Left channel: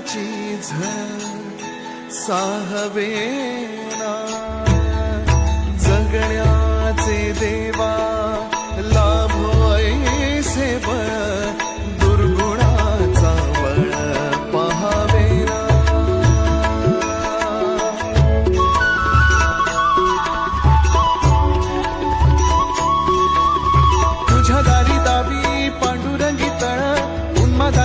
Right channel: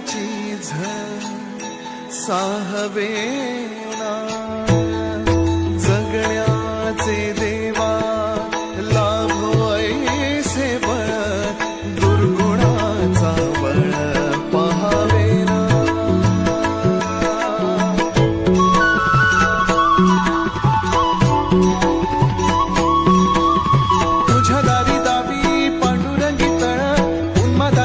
मरणाची झळ साहवेना जगण्याचे देवा लाभो ऐसे बळ दुर्गुणाचा बळ पहावेना तुझ्या दारी दावी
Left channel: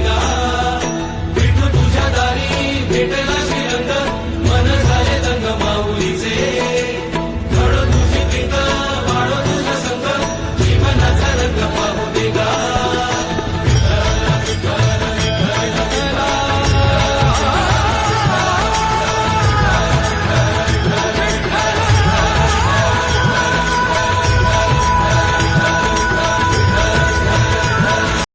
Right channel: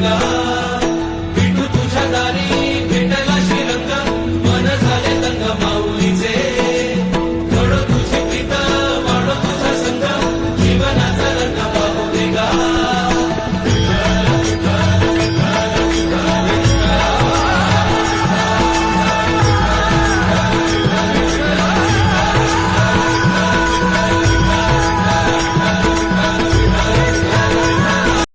Leyla